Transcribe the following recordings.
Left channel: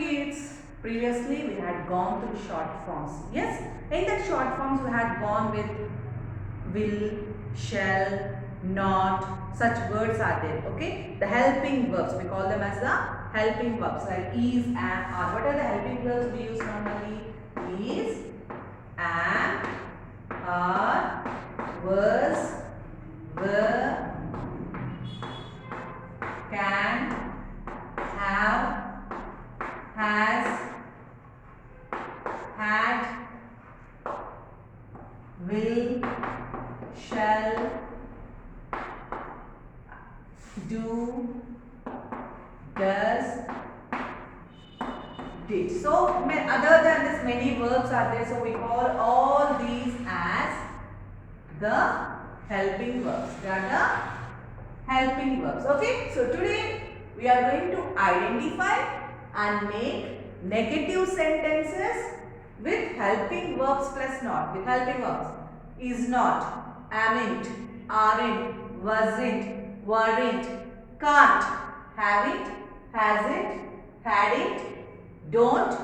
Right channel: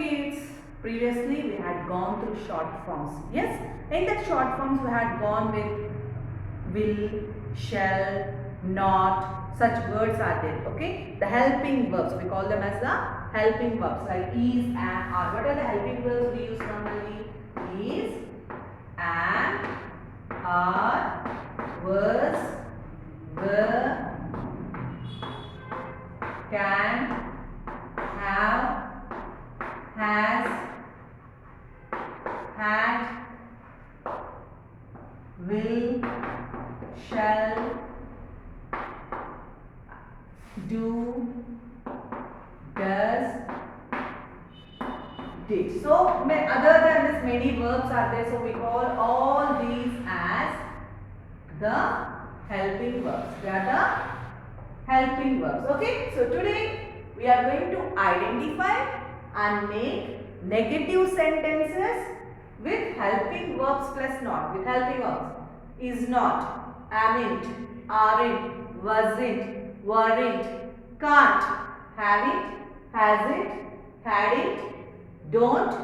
you kids? Previously we had gone through short forms. Yes, in that short forms we had gone with will, shall, not, such words are there. Okay, the helping verbs, we call them as the helping verbs like is, am, are. What are the helping verbs we use normally? Is, am, are, was, were, can, have, has, had, will, shall, do, does, did. So other than this many verbs are there, so we call all these as the helping verbs. They are the helping verbs. Okay, so today we are going to identify and make negative sentences with helping verbs plus not. With helping verbs: is not, amn't, aren't, wasn't, weren't, can't, haven't, hasn't, hadn't, don't,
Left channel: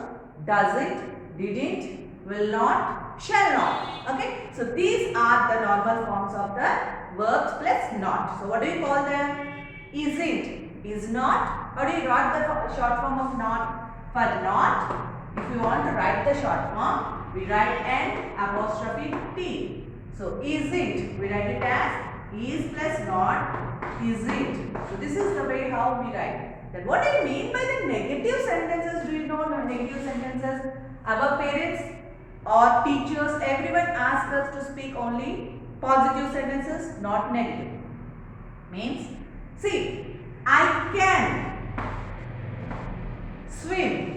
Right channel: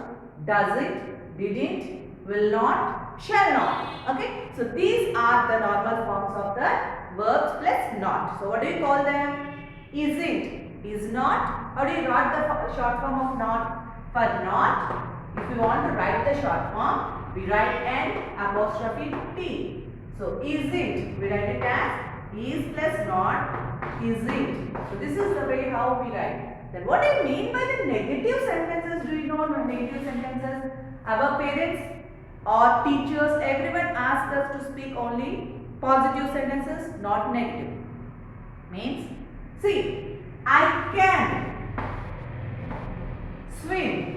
doesn't, didn't, will not, shall not. Okay, so these are the normal forms of the verbs plus not. So what do you call them? Isn't, is not. How do you write the short form of not? For not, if you want to write the short form, we write an apostrophe T. So isn't, we write it as is plus not, isn't. So this is the way how we write. Then what do you mean by the negative sentences? Do you know negative sentences? Our parents or teachers, everyone asks us to speak only positive sentences, not negative. Means, see, I can swim.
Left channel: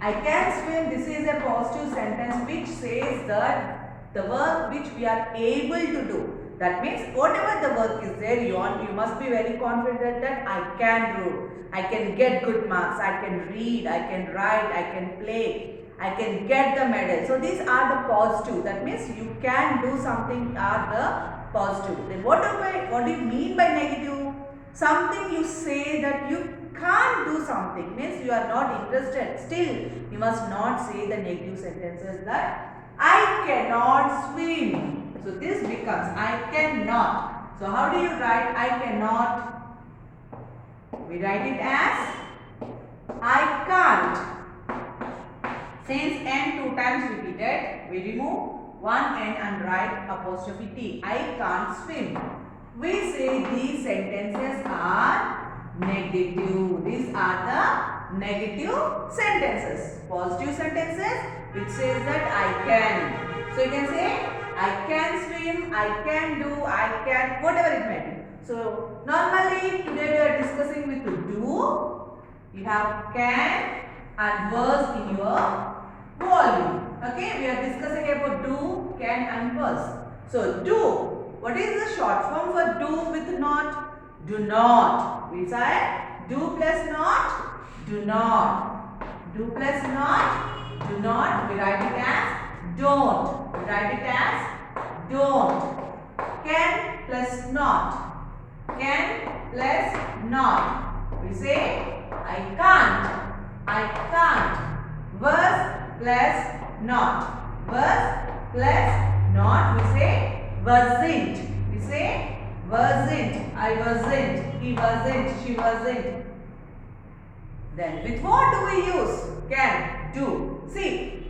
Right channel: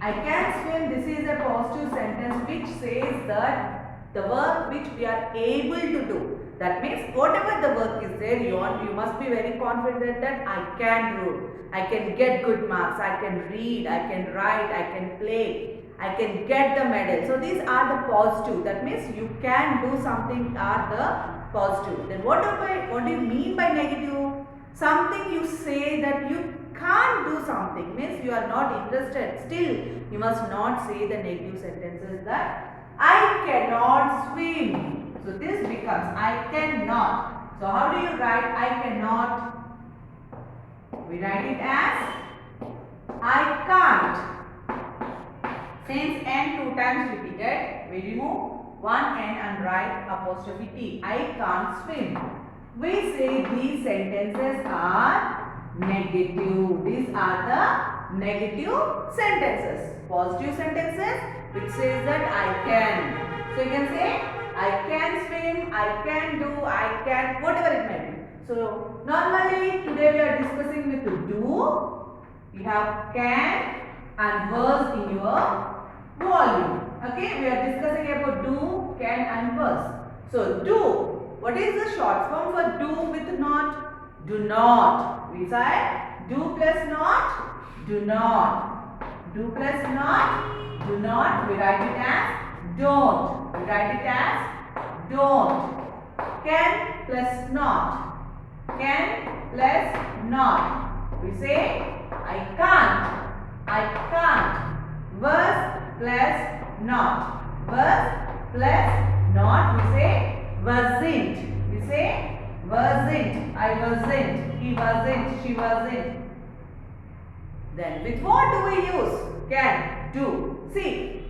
I can swim. This is a positive sentence which says that the work which we are able to do. That means whatever the work is there, you must be very confident that I can do. I can get good marks. I can read. I can write. I can play. I can get the medal. So these are the positive. That means you can do something are the positive. Then what do you mean by negative? Something you say that you can't do something, means you are not interested. Still, you must not say the negative sentences that I cannot swim. So this becomes I cannot. So how do you write I cannot? We write it as I can't. Since n 2 times repeated, we remove one n and write apostrophe T. I can't swim. We say these sentences are negative. These are the negative sentences. Positive sentences which says that I can. So you can say I can swim, I can do, I can, whatever it may be. So normally today we are discussing with do. You have can and was in your volume. Okay, we are discussing about do, can and was. So do. What is the short form for do with not? Do not. We say do plus not, do not. Do plus not, do not. We write it as don't. We write it as don't. Can plus not. Can plus not. We say I can't. I can't. Was plus not. Was plus not. We say wasn't. We say wasn't. I wasn't. He wasn't. She wasn't. Then with what do we use? Can. Do. See,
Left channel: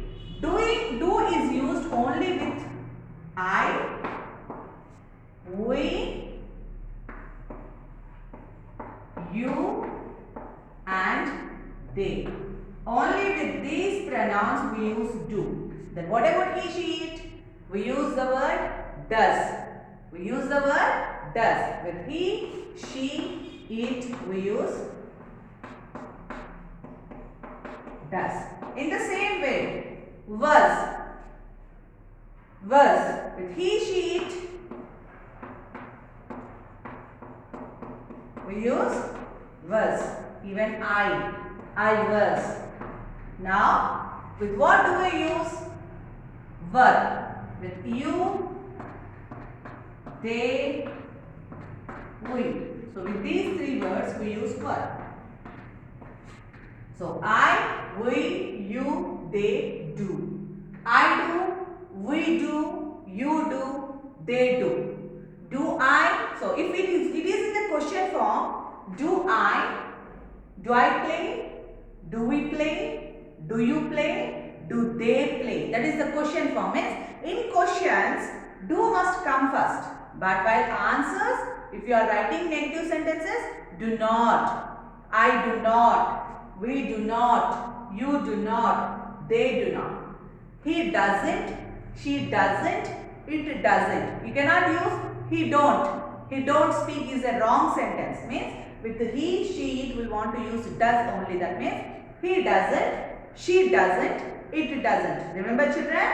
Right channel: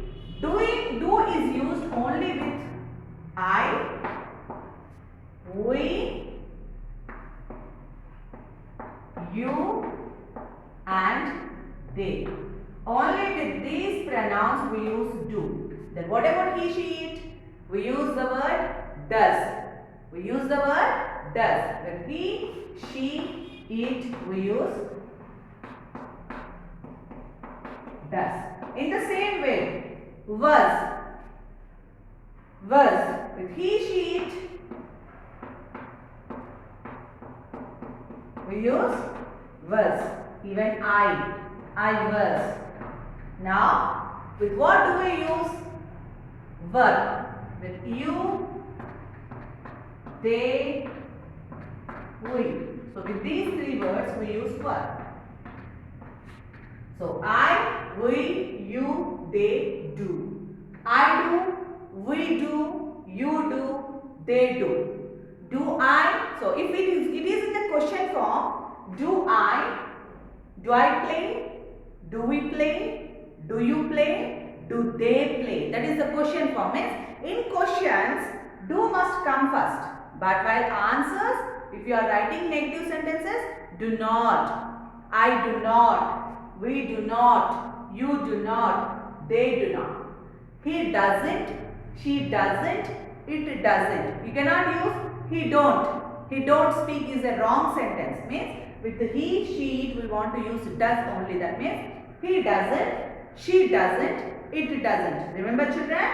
do is used only with I, we, you and they. Only with these pronouns we use do. Then what about he, she, it? We use the word does. We use the word does. With he, she, it, we use does. In the same way, was. With he, she, it, we use was. Even I was. Now, with what do we use? Were. With you, they, we. So with these three words we use were. So I, we, you, they do. I do, we do, you do, they do. Do I? So if it is in the question form, do I play? Do we play? Do you play? Do they play? That is the question form. Means in questions, do must come first. But while answers, if you are writing negative sentences, do not. I do not. We do not. You do not. They do not. He doesn't. She doesn't. It doesn't. You cannot use he don't. He don't speak is a wrong sentence. Means with he, she, it will want to use does only. That means he doesn't, she doesn't, it doesn't. Remember children?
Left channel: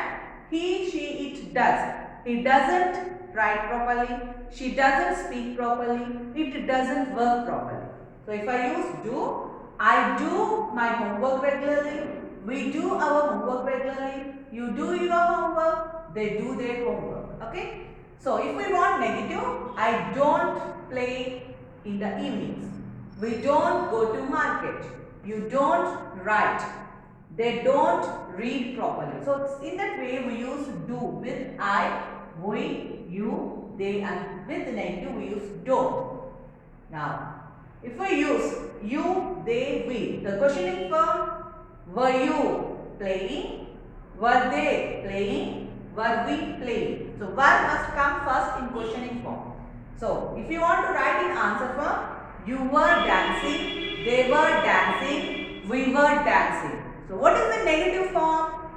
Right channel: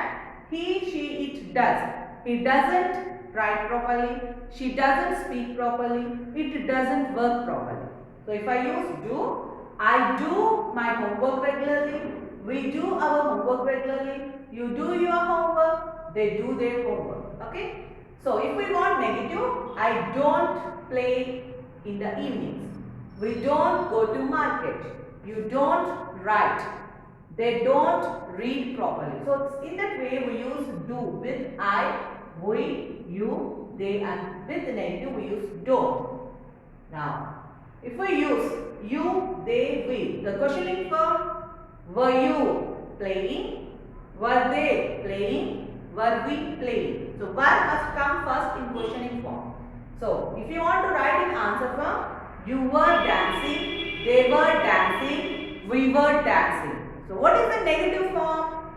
He, she, it does. He doesn't write properly. She doesn't speak properly. It doesn't work properly. So if I use do, I do my homework regularly. We do our homework regularly. You do your homework. They do their homework. Okay? So if we want negative, I don't play in the evenings. We don't go to market. You don't write. They don't read properly. So in that way we use do with I, we, you, they, and with negative we use don't. Now if we use you, they, we, the questioning form, were you playing? Were they playing? Were we playing? So verb must come first in questioning form. So if you want to write in answer form, you were dancing, they were dancing, we were dancing. So what is the negative form?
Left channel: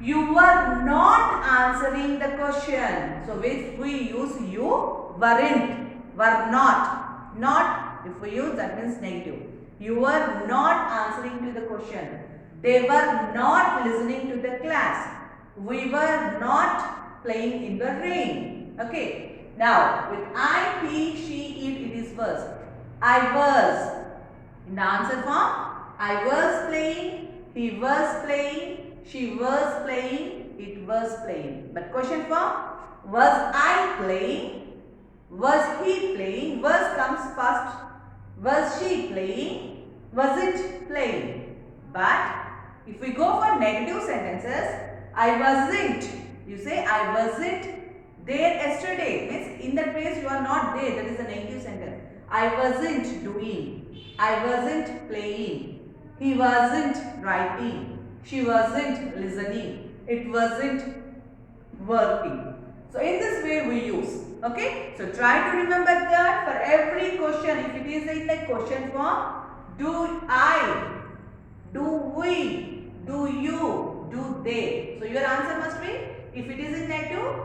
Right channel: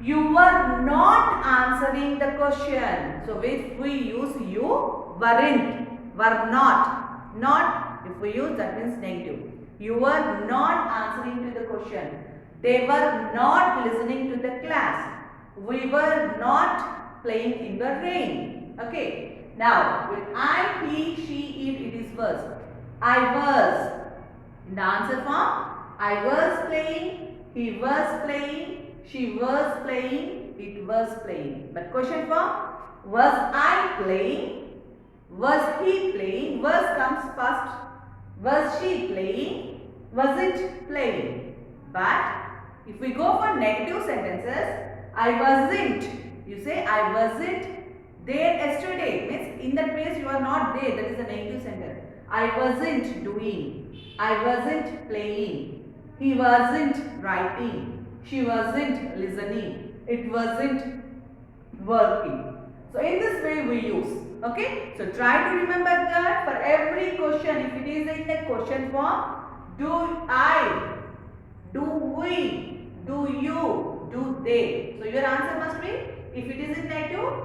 You were not answering the question. So if we use you, weren't, were not. Not, if we use that means negative. You were not answering to the question. They were not listening to the class. We were not playing in the rain. Okay. Now with I, he, she, it is was. I was. In the answer form, I was playing, he was playing, she was playing, it was playing. But question form, was I playing? Was he playing? Was comes first. Was she playing? Was it playing? But if we go for negative sentences, I wasn't. You say I wasn't there yesterday. Means in that place you are not there. That is a negative sentence. I wasn't doing. I wasn't playing. He wasn't writing. She wasn't listening. It wasn't working. So in this way we use. Okay. So try to remember that for every question. If it is in the question form, do I, do we, do you, do they. So your answer must be, if it is in negative,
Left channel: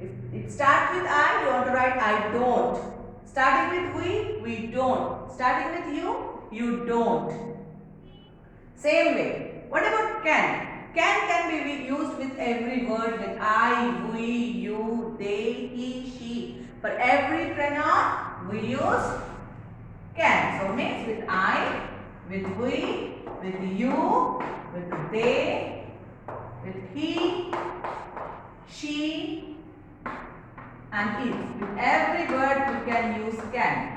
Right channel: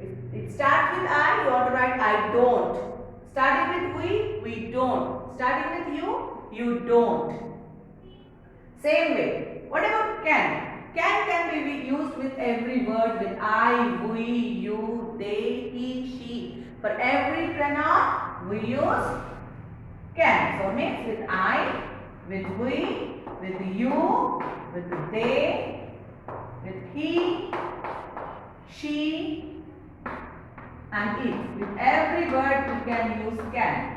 if it starts with I, you want to write I don't. Starting with we don't. Starting with you don't. Same way. What about can? Can be used with every word with I, we, you, they, he, she. For every pronoun, we use can. So means with I, with we, with you, with they, with he, she, and it. With every word we can use can.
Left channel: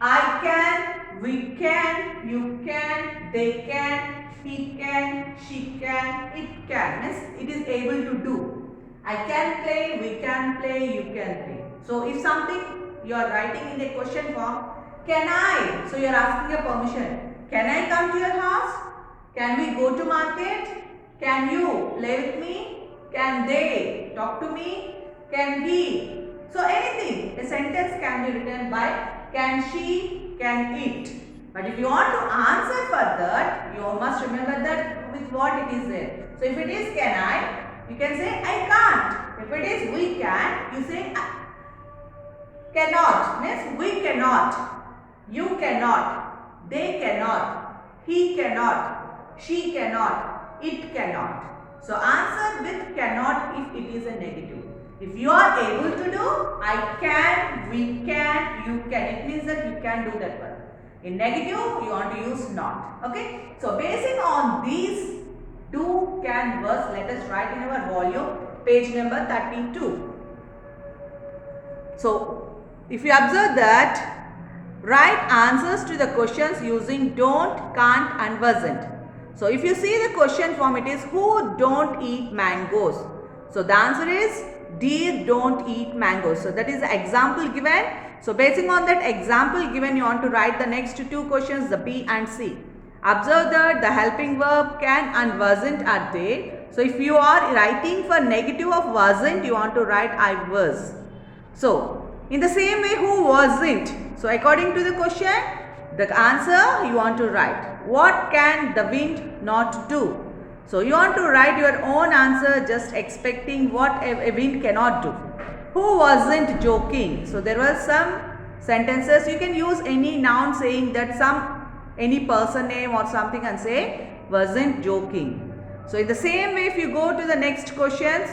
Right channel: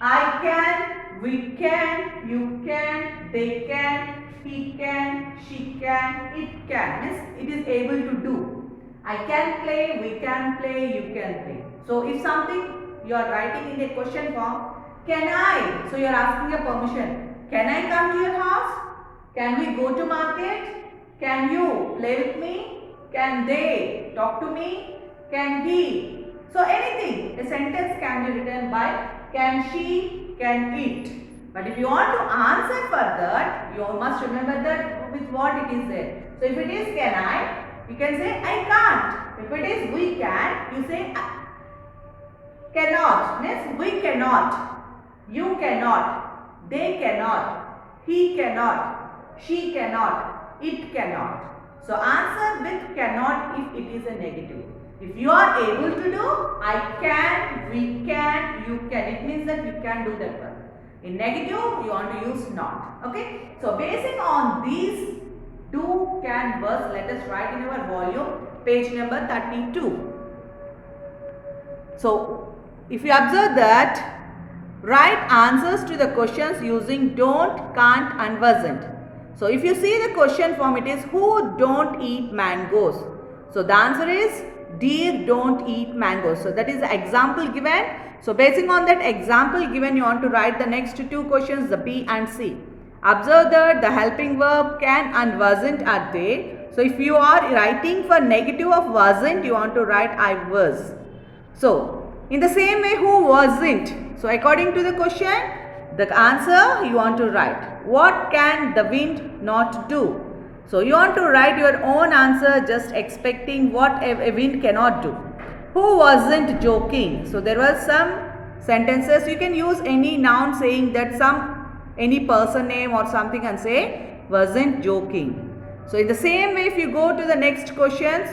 I can, we can, you can, they can, he can, she can, it can. Means it is able to do. I can play, we can play, you can play. So if something you are writing in a question form, can I? So you are asking a permission. Can I come to your house? Can we go to market? Can you play with me? Can they talk to me? Can he? So anything. A sentence can be written by can she, can it. But if you want to answer for that, you must remember that with what it is there. So if it is can I, you can say I can't. If it is we can, you say cannot. Means we cannot. You cannot. They cannot. He cannot. She cannot. It cannot. So answer with cannot if it is a negative. If you are able to do, I can, we can, you can. It means that you can do that one. In negative, you want to use not. Okay. So basing on these do, can, was, let us write in our volume, page number 32. So if you observe that, Write answers to the questions using don't, can't and wasn't. So if you see the question form, it is who don't eat mangoes? So the answer is deer don't eat mangoes. So that is the example given. So basing on that example given, you want to write the next two questions, the B and C. Observe that the helping verb can and wasn't are there. So if you are writing for negative of wasn't, you want to write I was. So in the same way, who wasn't? So according to the question, the answer you want to write. What can the wind not do? So you want to write your own answer just expecting what a wind cannot do. Who wasn't joking? So there were some sentences. You can use any noun saying that any person name or something and say wasn't joking. So in the same way, if you go to the next questions,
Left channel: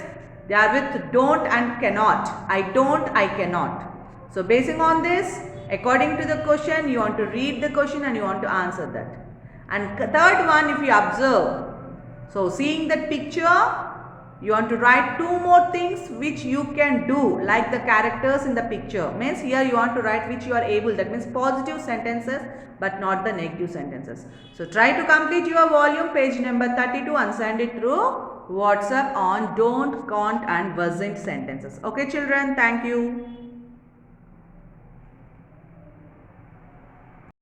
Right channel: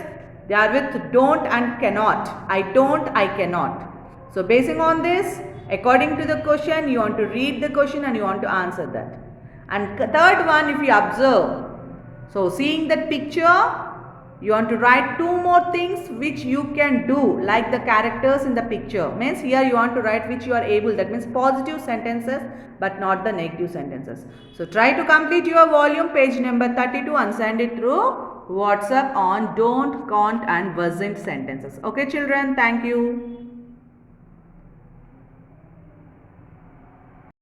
they are with don't and cannot. I don't, I cannot. So basing on this, according to the question, you want to read the question and you want to answer that. And third one, if you observe, so seeing that picture, you want to write two more things which you can do, like the characters in the picture. Means here you want to write which you are able, that means positive sentences but not the negative sentences. So try to complete your volume, page number 32, and send it through WhatsApp on don't, can't and wasn't sentences. Okay children, thank you.